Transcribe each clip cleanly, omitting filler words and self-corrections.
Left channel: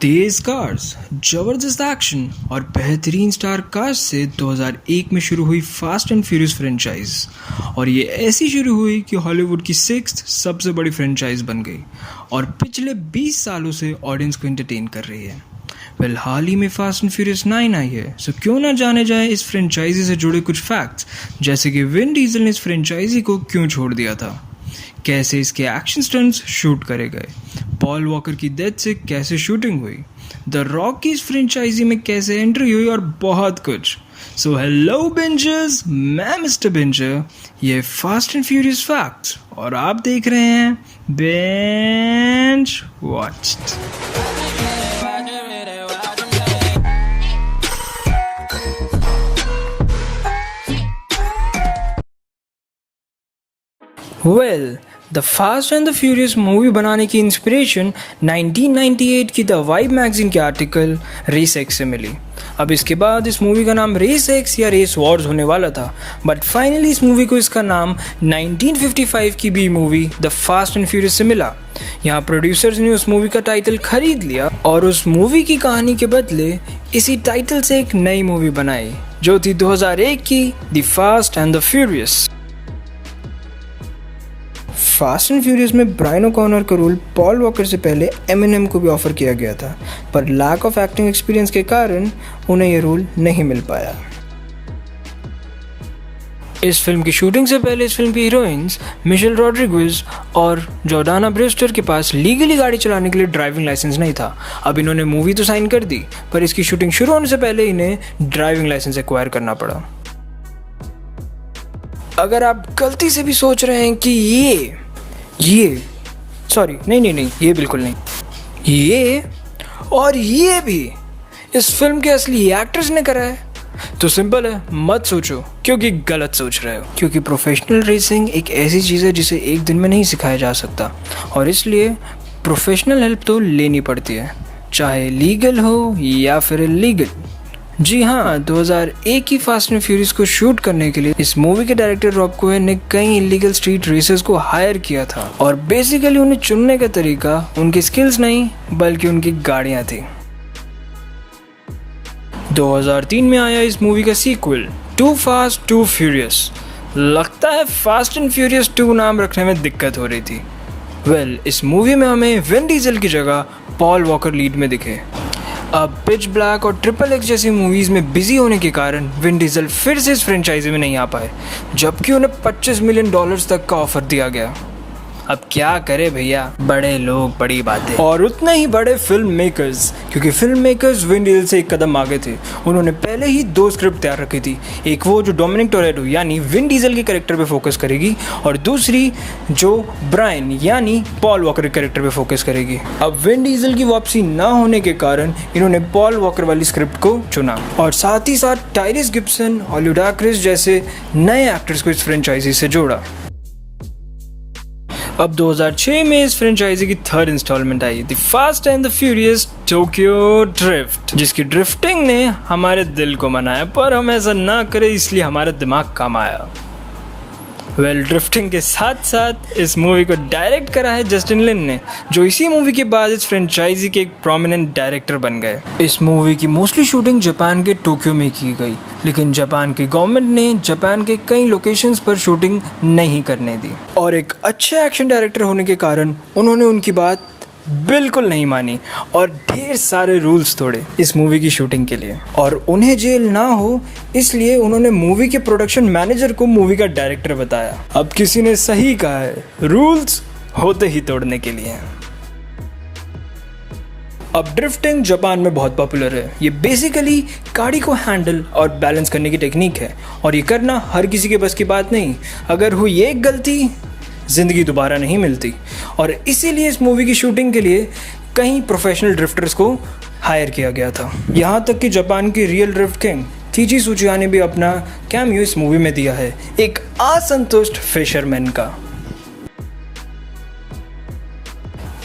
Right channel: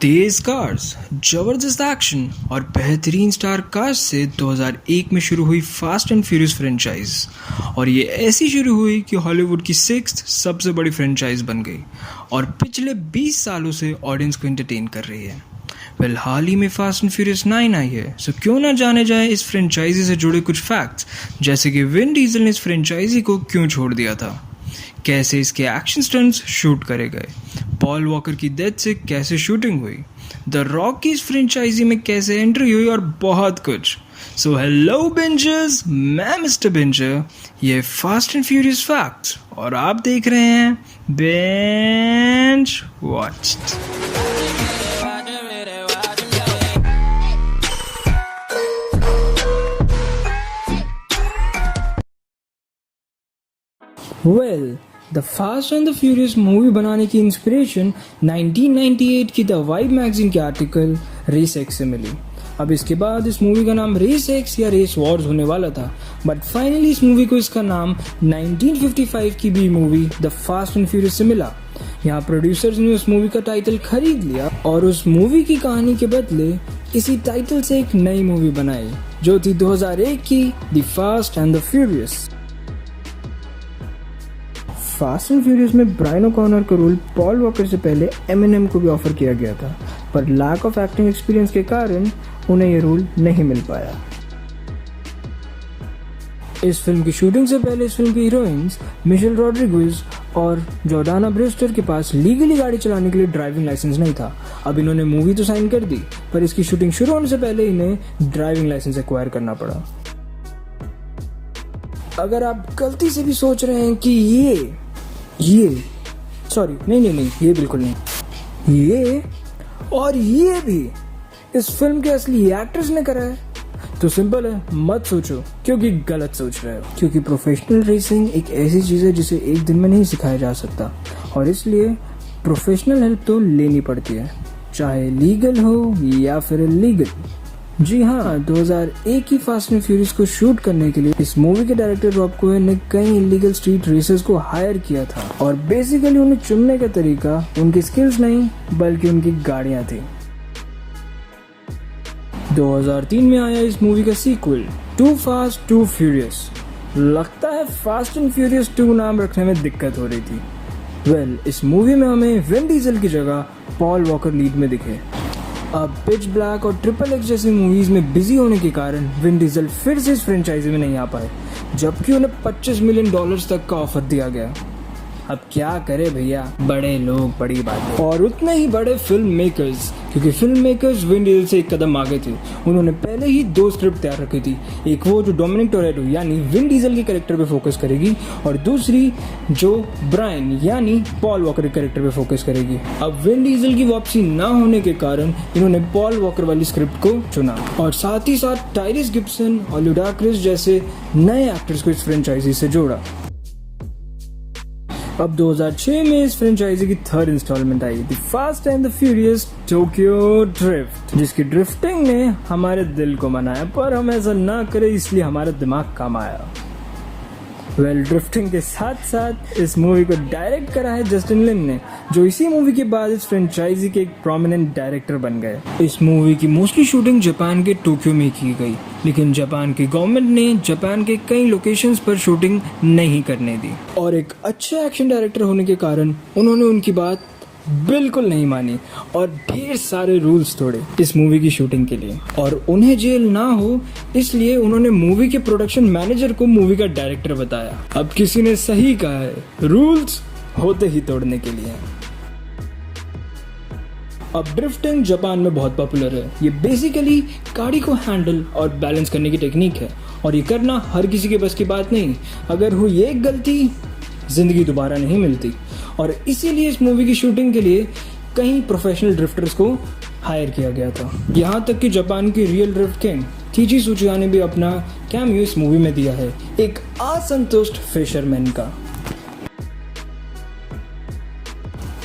तेज cars, जबरदस्त action और बेहतरीन स्टार कास्ट से 2001 में शुरू हुई फास्ट एंड फ्यूरियस फ्रेंचाइज, और ये ऐसी शुरू हुई कि हॉलीवुड की सिक्स्थ सबसे बड़ी फ्रेंचाइज बन गई और पिछले 20 सालों से ऑडियंस को एंटरटेन कर रही है। हाल ही में फास्ट एंड फ्यूरियस 9 आई है, सो क्यों ना जाने जाए इस फ्रेंचाइजी से जुड़े कुछ फैक्ट्स, जैसे कि विन डीजल ने इस फ्रेंचाइजी को क्यों छोड़ दिया था, कैसे इसके एक्शन स्टंट्स शूट करे गए, पॉल वॉकर की डेथ से कैसे शूटिंग हुई, द रॉक की इस फ्रेंचाइजी में कैसे एंट्री हुई और बहुत कुछ। सो हेलो बिंजर्स, मैं मिस्टर बिंजर, ये फास्ट एंड फ्यूरियस फैक्ट्स और आप देख रहे हैं binge watched. The fast and the furious movie बनाने की इंस्पिरेशन 1998 की द वाइब मैगजीन के आर्टिकल रेस एक्स से मिली। अब इसके बाद इस मूवी का नाम रेस एक्स या रेस वॉर्स होने वाला था, बट फाइनली इस मूवी को इसका नाम 1955 की B movie the fast and furious से मिला। यहाँ प्रोड्यूसर्स ने उस मूवी का टाइटल खरीद लिया और उस मूवी की कहानी के बदले इसी टाइटल से एक नई मूवी बनाई, जो थी 2001 की the fast and the furious. Fast and furious में ब्रायन ओकॉनर का रोल पॉल वॉकर से पहले एमिनेम को भी ऑफर किया गया था, पर लैक ऑफ एक्टिंग एक्सपीरियंस के कारण उन्हें यह रोल नहीं मिल पाया। इस फिल्म की शूटिंग से पहले इस फिल्म की हीरोइंस मिशेल रॉड्रिगेज और जॉर्डाना ब्रेस्टर के पास लीगली गाड़ी चलाने के लिए ड्राइविंग लाइसेंस नहीं था। अब इन्होंने मूवी तो साइन कर दी, पर इसकी शूटिंग शुरू होने से पहले इन्हें ड्राइविंग लाइसेंस एक्वायर करना पड़ा। अगर आप गलती से भी सोच रहे हैं कि ये सॉरी नहीं, ये बिल्कुल नहीं, ये और ये भी इस फिल्म के असली एक्टर्स ने करा है, तो सिंपल है, मत सोचो, क्योंकि गलत सोच रहे हो। क्योंकि प्रोफेशनल रेसिंग एक ऐसी चीज़ है जिसे एक दिन में नहीं सिखाया जा सकता, और इसलिए प्रोफेशनल हेल्प तो लेनी पड़ती है, चाहे लीगल हो या फिर इलीगल। जी हाँ, 2001 की फास्ट एंड फ्यूरियस को शूट करने के लिए इस मूवी के डायरेक्टर रॉब कोहेन ने कई इलीगल स्ट्रीट रेसर्स को हायर किया था, और बेसिकली उन्हें चुनने का तरीका उनकी स्किल्स नहीं बल्कि उनकी गाड़ियाँ थी। 2003 में आया इस मूवी का sequel two fast two furious. लगता है फास्ट एंड फ्यूरियस 2 नाम रखने में दिक्कत हो रही थी। इस मूवी में हमें विन डीजल की जगह पॉल वॉकर लीड में दिखे। अब पिच ब्लैक और ट्रिपल एक्स जैसी मूवीज़ में बिजी होने के कारण विन डीजल फिर से इस फ्रेंचाइजी में नहीं आ पाए, जबकि उन्हें $25 मिलियन तक का ऑफर दिया गया। अब क्या करे भैया, बड़े लोग बड़ी बातें, और उतने ही बड़े फिल्म मेकर्स, क्योंकि फिल्म मेकर्स विन डीजल से एक कदम आगे थे। उन्होंने पहले ही 2 स्क्रिप्ट तैयार रखी थी, एक वो जो डोमिनिक टोरेटो यानी विन डीजल के कैरेक्टर पे फोकस करेगी, और दूसरी जो ब्रायन यानी पॉल वॉकर के कैरेक्टर पे फोकस करेगी। अब विन डीजल की वापसी ना होने के कारण इन्होंने पॉल वॉकर वाली स्क्रिप्ट को चुना, और साथ ही साथ टायरिस गिब्सन और लुडाक्रिस जैसे नए एक्टर्स को इस फ्रेंचाइजी से जोड़ा। अब 2006 में इस फ्रेंचाइजी की 3rd इंस्टॉलमेंट आई, the fast and the furious Tokyo drift, जिसकी ड्रिफ्टिंग ने हमारे दिल को मनाया, पर हम ऐसा ना करें इसलिए हमारा दिमाग काम आया। ड्रिफ्टिंग के साथ साथ इस मूवी को डायरेक्ट करा है जस्टिन लिन ने, जो इसी मूवी के बाद इस फ्रेंचाइजी के एक प्रोमिनेंट डायरेक्टर बन गए। इस मूवी की मोस्टली शूटिंग जापान के टोक्यो में की गई, लेकिन जापान की गवर्नमेंट ने जापान के कई लोकेशंस पर शूटिंग नहीं करने दी, और एक अच्छे एक्शन डायरेक्टर होने के कारण उन्होंने उनकी बात बिल्कुल नहीं मानी और ढेर सारे रूल्स तोड़े इस मूवी की शूटिंग के लिए, और उन्हें जेल ना हो इसलिए उन्होंने मूवी के प्रोडक्शन मैनेजर को मूवी का डायरेक्टर बताया। अब किसी ने सही कहा है, रूल्स होते ही तोड़ने के लिए। अब ड्रिफ्टिंग जापान में बहुत पॉपुलर है। ये बेसिकली गाड़ी को हैंडल और बैलेंस करने की टेक्निक है, और ये करना हर किसी के बस की बात नहीं। अगर हुई एक गलती, जिंदगी दोबारा नहीं मिलती, और इसीलिए इस मूवी की शूटिंग के लिए कई प्रोफेशनल ड्रिफ्टर्स को हायर किया गया था। यहाँ तक कि जापान की रियल ड्रिफ्ट किंग कीची त्सुचिया ने भी अपना कैमियो इस मूवी में दिया है, एक असंतुष्ट फिशरमैन का।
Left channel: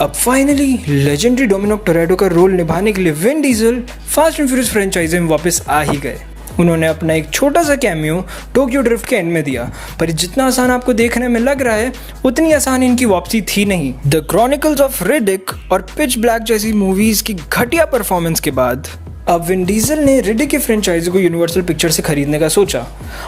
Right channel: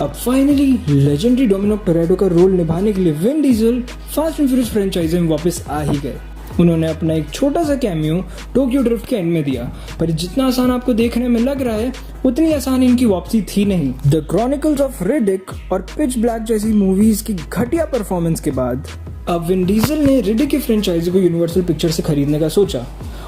अब फाइनली लेजेंडरी डोमिनिक टोरेटो का रोल निभाने के लिए Vin Diesel Fast and Furious franchise में वापस आ ही गए। उन्होंने अपना एक छोटा सा कैमियो टोक्यो ड्रिफ्ट के एंड में दिया, पर जितना आसान आपको देखने में लग रहा है उतनी आसान इनकी वापसी थी नहीं। द क्रॉनिकल्स ऑफ रिडिक और पिच ब्लैक जैसी मूवीज की घटिया परफॉर्मेंस के बाद अब विन डीजल ने रिडिक की फ्रेंचाइजी को यूनिवर्सल पिक्चर्स से खरीदने का सोचा,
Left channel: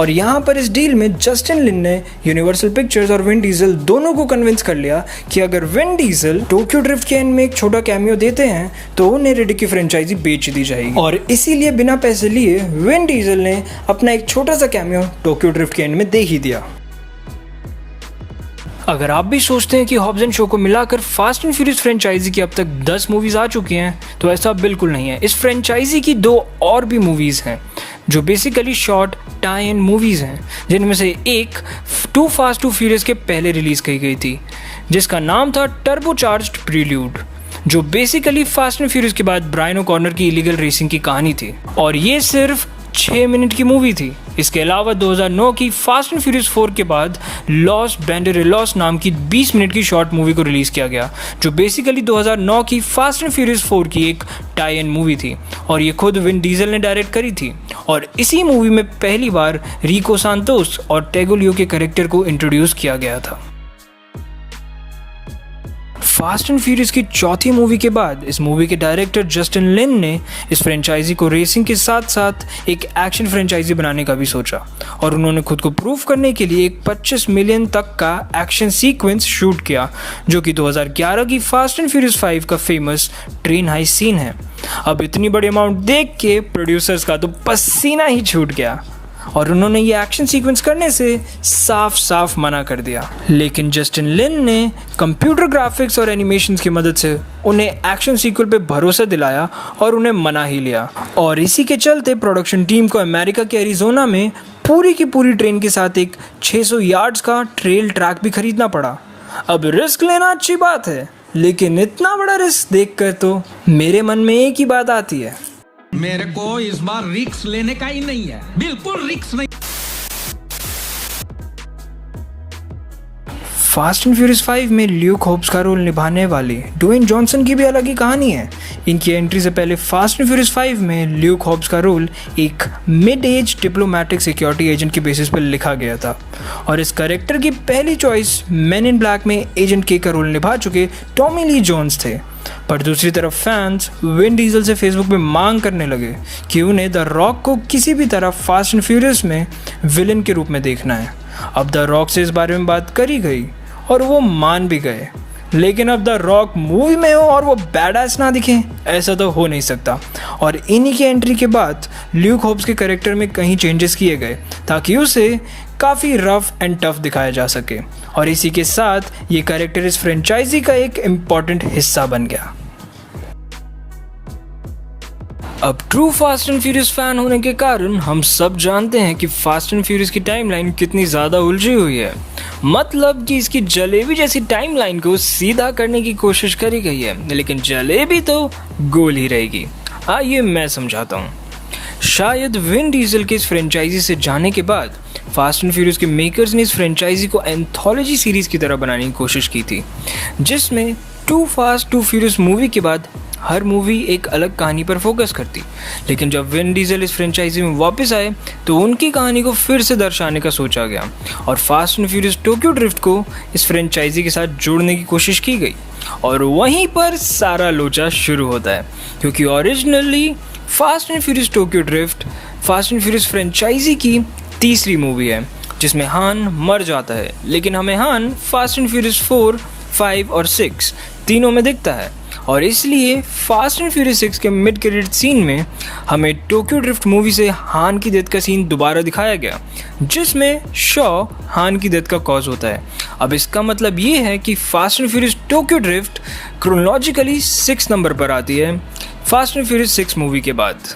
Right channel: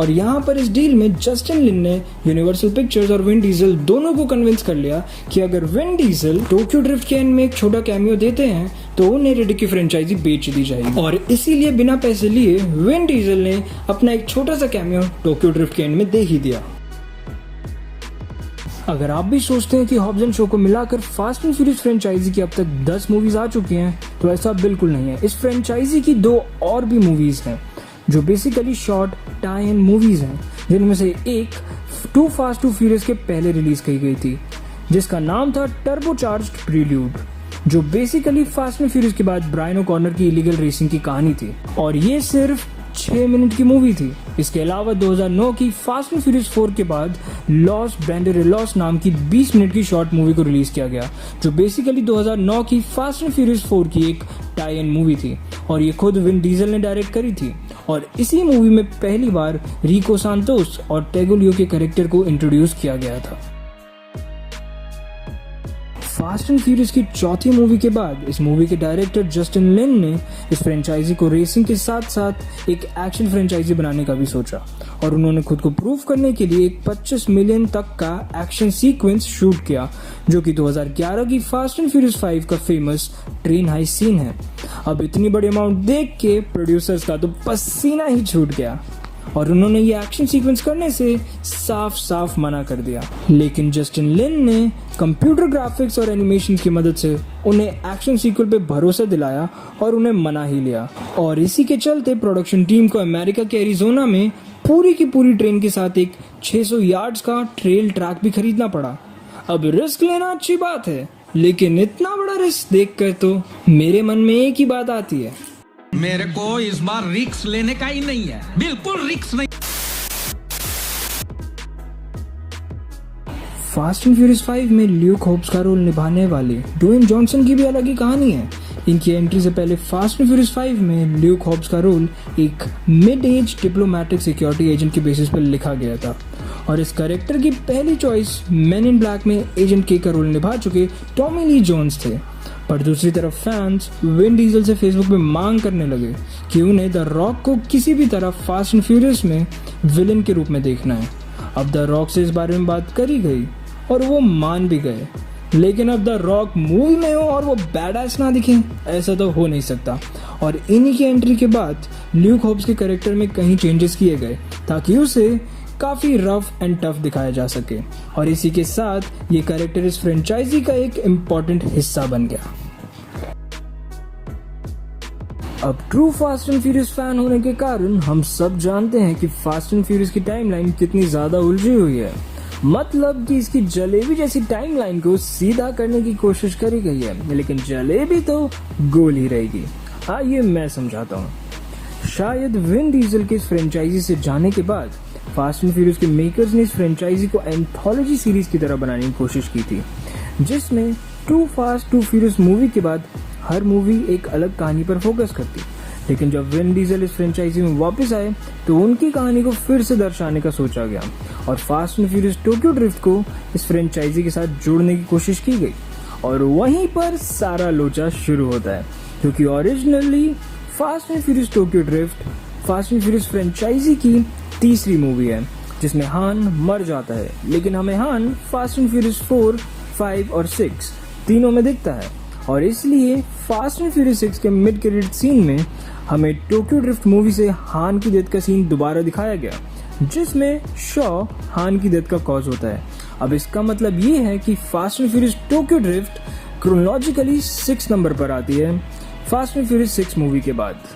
और यहाँ पर इस डील में जस्टिन लिन ने यूनिवर्सल पिक्चर्स और विन डीजल दोनों को कन्विंस कर लिया कि अगर विन डीजल टोक्यो ड्रिफ्ट के एंड में एक छोटा कैमियो देते हैं तो उन्हें रिडिक की फ्रेंचाइजी बेच दी जाएगी। और इसीलिए बिना पैसे लिए विन डीजल ने अपना एक छोटा सा कैमियो टोक्यो ड्रिफ्ट के एंड में दे ही दिया। अगर आप भी सोचते हैं कि हॉब्स एंड शो को मिलाकर फास्ट एंड फ्यूरियस फ्रेंचाइजी की अब तक 10 मूवीज आ चुकी हैं, तो ऐसा बिल्कुल नहीं है। इस फ्रेंचाइजी की 2 और भी मूवीज हैं जो basically short tie in movies हैं, जिनमें से एक टू फास्ट टू फ्यूरियस के पहले रिलीज की गई थी, जिसका नाम था टर्बोचार्ज्ड प्रील्यूड, जो बेसिकली फास्ट एंड फ्यूरियस के बाद ब्रायन ओकॉर्नर की इलीगल रेसिंग की कहानी थी, और ये सिर्फ 6 मिनट की मूवी थी। इसके अलावा 2009 की फास्ट एंड फ्यूरियस 4 के बाद लॉस बैंडेरेलॉस नाम की 20 मिनट की शॉर्ट मूवी को रिलीज किया गया, जो बेसिकली 2009 की फास्ट एंड फ्यूरियस 4 की एक टाई इन मूवी थी, और ये खुद विन डीजल ने डायरेक्ट करी थी। और इसी मूवी में पहली बार रिको सांतोस और टेगोलियो के कैरेक्टर को इंट्रोड्यूस किया गया था। फास्ट एंड फ्यूरियस की चौथी मूवी के बाद इस मूवी के डायरेक्टर जस्टिन लिन ने इस फ्रेंचाइजी को रेसिंग के साथ साथ एक एक्शन फ्रेंचाइजी बनाने का भी सोचा, और उन्होंने खुद को प्रूव करने के लिए एक 25 मिलियन तक का एक्शन सीक्वेंस शूट किया, जो कि 2011 की फास्ट एंड फ्यूरियस 5 का फेमस ट्रेन हाइस सीन है। अब इतनी बड़ी अमाउंट देख के प्रोड्यूसर्स का तो पसीना ही छूट गया, और उन्होंने ये एक्शन सीक्वेंस करने से साफ साफ मना कर दिया। लेकिन जस्टिन लिन ने कंप्यूटर ग्राफिक्स और एनिमेशंस की मदद से उन्हें एक्शन सीक्वल पे भरोसा दिलाया और उन्हें मना ही लिया। और इसी के चलते प्रोडक्शन टीम को अमेरिका के एरिजोना में पूरी की पूरी ट्रेन के साथ एक 600 यार्ड्स का ट्रेल ट्रैक भी खरीदना पड़ा। अब रिस्क लेना अच्छी बात है, लेकिन इतना बड़ा रिस्क देखकर तो मेरे मन में एक ही बात आती है, मेरे को इस बार रिस्क लेने का ही नहीं है, बिल्कुल रिस्क नहीं। फास्ट एंड फ्यूरियस 5 में ल्यूक होब्स का रोल निभाने वाली ड्वेन जॉनसन की भी अलग ही कहानी है। इनकी एंट्री से पहले फास्ट एंड फ्यूरियस 5 में ल्यूक होब्स का रोल एक mid age diplomatic security agent के बेसिस पर लिखा गया था, और इस कैरेक्टर की पहली चॉइस मैन इन ब्लैक में एजेंट के का रोल निभा चुके टॉमी ली जोन्स थे। पर दूसरी तरफ फैंस विन डीजल से फेसबुक पे मांग करने लगे कि उन्हें द रॉक को किसी भी तरह फास्ट एंड फ्यूरियस में विलन के रूप में देखना है। अब द रॉक से इस बारे में बात करी गई और वो मान भी गए, लेकिन अब द रॉक मूवी में हो और वो बैडएस ना दिखे, ऐसा तो हो नहीं सकता। और इन्हीं की एंट्री के बाद ल्यूक होब्स के कैरेक्टर में कई चेंजेस किए गए ताकि उसे काफ़ी रफ एंड टफ दिखाया जा सके, और इसी के साथ ये कैरेक्टर इस फ्रेंचाइजी का एक इम्पॉर्टेंट हिस्सा बन गया। अब true fast and furious fan होने के कारण हम सब जानते हैं कि फास्ट एंड फ्यूरियस की टाइमलाइन कितनी ज़्यादा उलझी हुई है। मतलब कि इसकी जलेबी जैसी टाइमलाइन को सीधा करने की कोशिश करी गई है, लेकिन जलेबी तो गोल ही रहेगी। आइए मैं समझाता हूँ। शायद विन डीजल के इस फ्रेंचाइजी से जाने के बाद फास्ट एंड फ्यूरियस के मेकर्स ने इस फ्रेंचाइजी को एंथोलॉजी सीरीज की तरह बनाने की कोशिश की थी, जिसमें two fast two Furious movie के बाद हर मूवी एक अलग कहानी पर फोकस करती। लेकिन जब विन डीजल इस फ्रेंचाइजी में वापस आए तो उनकी कहानी को फिर से दर्शाने का सोचा गया, और fast and Furious Tokyo drift को इस फ्रेंचाइजी के साथ जोड़ने की कोशिश की गई। और वहीं पर सारा लोचा शुरू होता है, क्योंकि originally Fast and Furious Tokyo Drift Fast and Furious franchise की तीसरी मूवी है, जिसमें हान मर जाता है, लेकिन हमें हान फास्ट एंड फ्यूरियस 4, 5 और 6 तीनों में दिखता है। और इसलिए फास्ट एंड फ्यूरियस 6 के मिड क्रेडिट सीन में हमें टोक्यो ड्रिफ्ट मूवी से हान की डेथ का सीन दोबारा दिखाया गया, जिसमें शॉ हान की डेथ का कॉज होता है। अब इसका मतलब ये है कि fast and Furious Tokyo drift chronologically 6 number पर आती है फास्ट एंड फ्यूरियस 6 मूवी के बाद।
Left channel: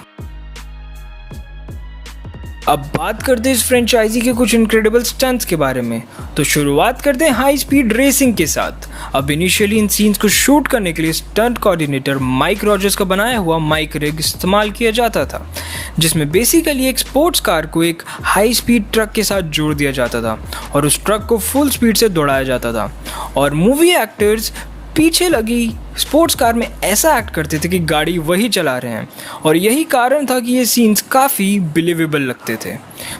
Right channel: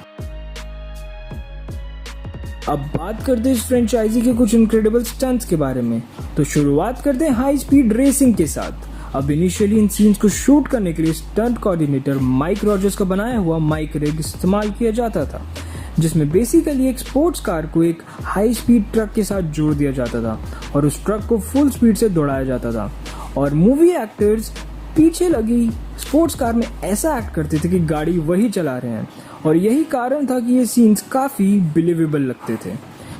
अब बात करते हैं इस फ्रेंचाइजी के कुछ इनक्रेडिबल स्टंट्स के बारे में, तो शुरुआत करते हैं हाई स्पीड रेसिंग के साथ। अब इनिशियली इन सीन्स को शूट करने के लिए स्टंट कोऑर्डिनेटर माइक रॉजर्स का बनाया हुआ माइक रिग इस्तेमाल किया जाता था, जिसमें बेसिकली एक स्पोर्ट्स कार को एक हाई स्पीड ट्रक के साथ जोड़ दिया जाता था और उस ट्रक को फुल स्पीड से दौड़ाया जाता था। और मूवी एक्टर्स पीछे लगी स्पोर्ट्स कार में ऐसा एक्ट करते थे कि गाड़ी वही चला रहे हैं, और यही कारण था कि ये सीन्स काफ़ी बिलीवेबल लगते थे।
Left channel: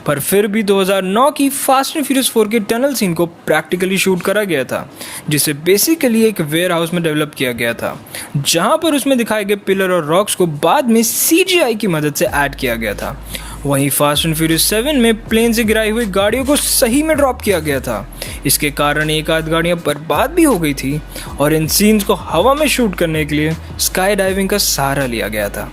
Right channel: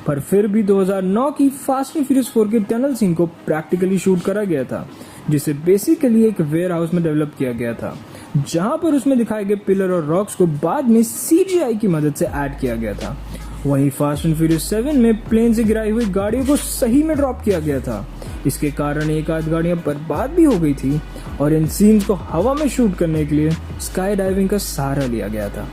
पर फिर भी 2009 की फास्ट एंड फ्यूरियस 4 के टनल सीन को प्रैक्टिकली शूट करा गया था, जिसे बेसिकली एक वेयर हाउस में डेवलप किया गया था, जहां पर उसमें दिखाए गए पिलर और रॉक्स को बाद में CGI की मदद से ऐड किया गया था। वहीं फास्ट एंड फ्यूरियस 7 में प्लेन से गिराई हुई गाड़ियों को सही में ड्रॉप किया गया था। इसके कारण एक आध गाड़ियाँ बर्बाद भी हो गई थी, और इन सीन्स को हवा में शूट करने के लिए स्काई डाइविंग का सहारा लिया गया था।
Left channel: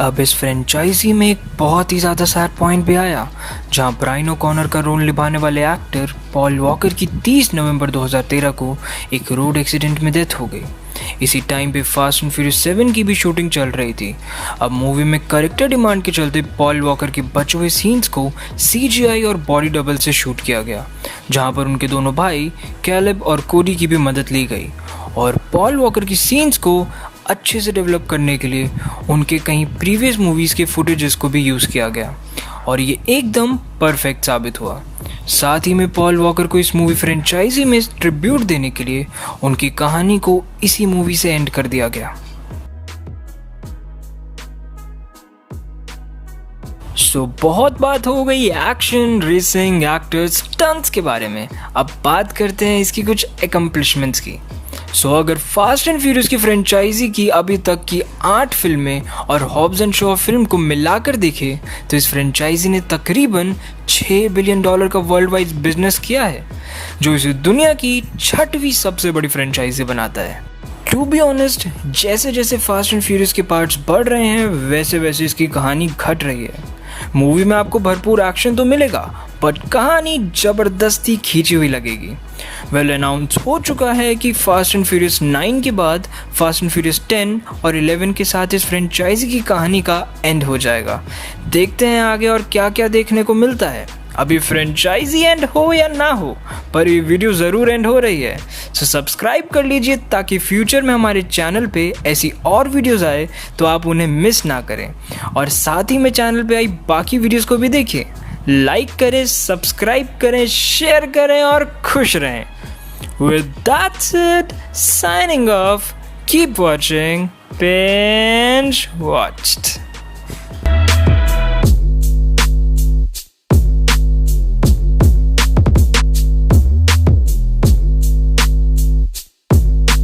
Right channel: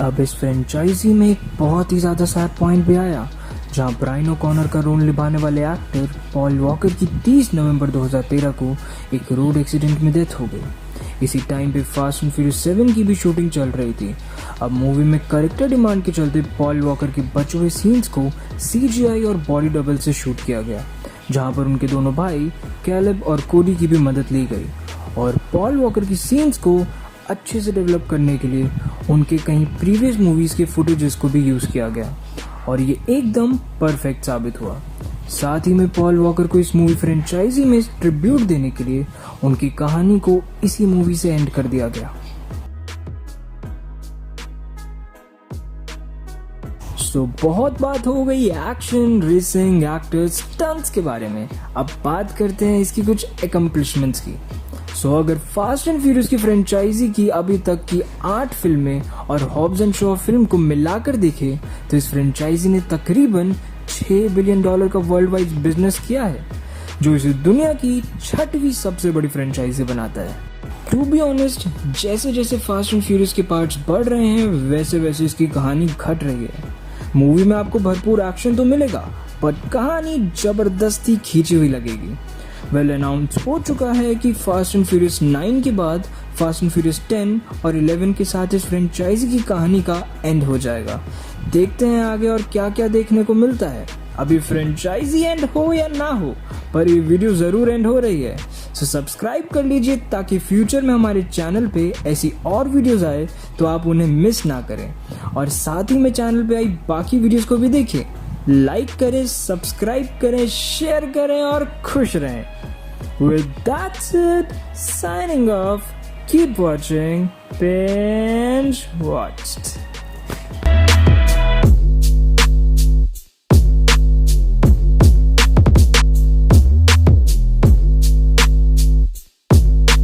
अब इस फ्रेंचाइजी में एक बहुत ही ज़्यादा सैड पॉइंट भी आया, जहां ब्रायन ओकॉनर का रोल निभाने वाले एक्टर पॉल वॉकर की 30 नवंबर 2013 को एक रोड एक्सीडेंट में डेथ हो गई। इसी टाइम पे फास्ट एंड फ्यूरियस 7 की भी शूटिंग चल रही थी। अब मूवी में कैरेक्टर डिमांड के चलते पॉल वॉकर के बचे हुए सीन्स को CGI और बॉडी डबल से शूट किया गया, जहां पर उनके दोनों भाई कैलेब और कोडी की भी मदद ली गई, और पॉल वॉकर की सीन्स को अच्छे से डेवलप करने के लिए उनके कई प्रीवियस मूवीज़ के फुटेजेस को भी यूज़ किया गया, और ये एकदम परफेक्ट साबित हुआ। साथ ही में पॉल वॉकर को इस मूवी फ्रेंचाइजी में ट्रिब्यूट देने के लिए उनकी कहानी को इसी मूवी से एंड कर दिया गया। बहुत बात हो गई एक्शन, रेसिंग, एक्टर्स, स्टंट्स के बारे में। अब बात करते हैं इसकी कुछ एकम्प्लिशमेंट्स की। अगर फास्ट एंड फ्यूरियस की फ्रेंचाइजी की अभी तक की 8 फिल्में और हॉब्स एंड शॉ फिल्म को मिलाकर देखें तो इस फ्रेंचाइजी ने तकरीबन $6 बिलियन का वर्ल्ड वाइड बिजनेस किया है, जो इसे दुनिया की 6वीं सबसे बड़ी फ्रेंचाइजी बनाता है। टू बी ऑनेस्ट, जैसे जैसे फास्ट एंड फ्यूरियस के पार्ट्स बढ़ रहे हैं वैसे वैसे इसकी कहानी घट रही है। मूवी में आपको भरपूर एक्शन तो मिलेगा, बट कहानी जबरदस्ती खींची हुई लगेगी। अनाउंस हो चुका है कि फास्ट एंड फ्यूरियस 9 के बाद फास्ट एंड फ्यूरियस 10 और 11 के साथ इस फ्रेंचाइजी की कहानी का एंड हो जाएगा। देखते हैं आगे और क्या क्या देखने को मिलता है। अभी फ्रेंचाइजी एंड हो या ना हो, पर ये वीडियो ज़रूर एंड हो रही है। सब्सक्राइब कर लीजिए ताकि फ्यूचर में हमारे चैनल पे ऐसी और वीडियोस आए तो आप उन्हें मिस ना करें, और साथ ही में चैनल पे आई बाकी वीडियोस को भी देखें। लाइक करें, सब्सक्राइब करें, शेयर करें और खुश रहें। With that's it, signing off. Keep watching. Binge watched.